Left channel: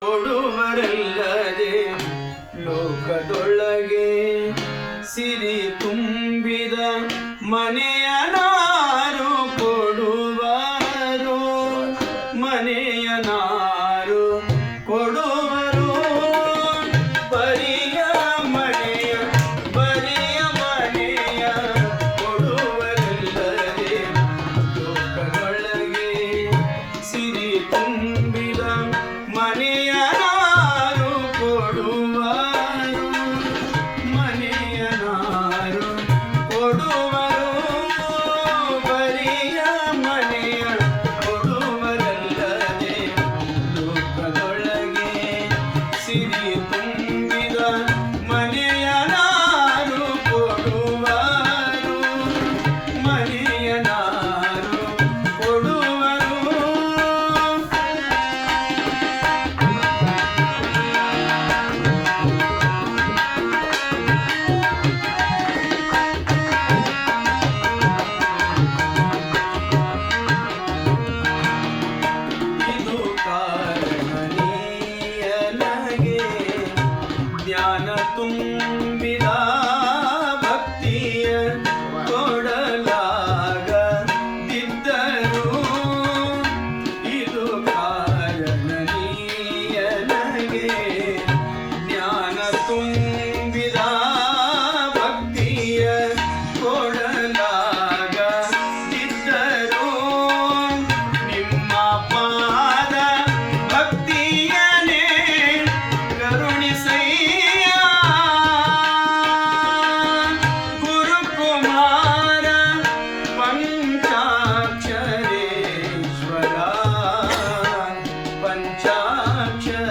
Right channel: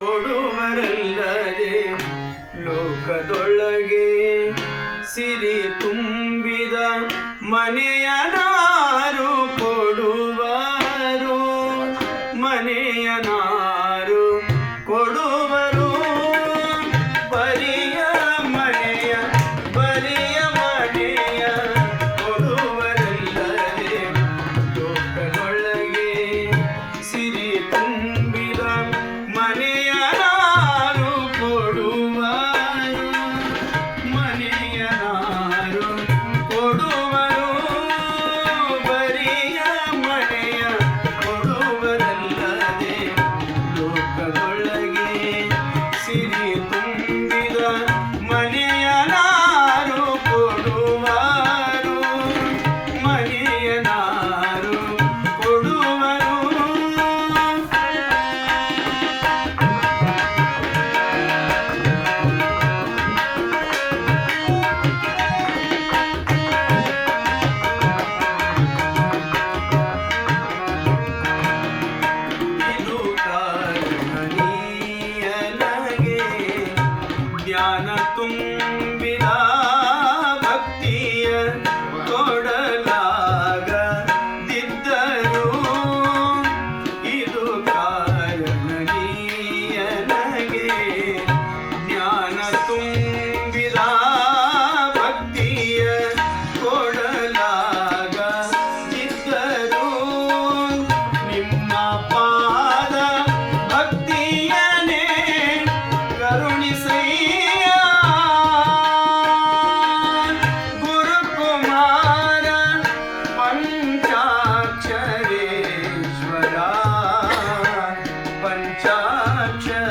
ಕೊಡುವರಲ್ಲದೆ ಲೋಕದೊಳಗೆ ಸಿರಿ ತುಂಬಿದ ಮನೆಯ ನಾರು ಕೊಡುವರು ಮನೆಯ Amen. Yaksha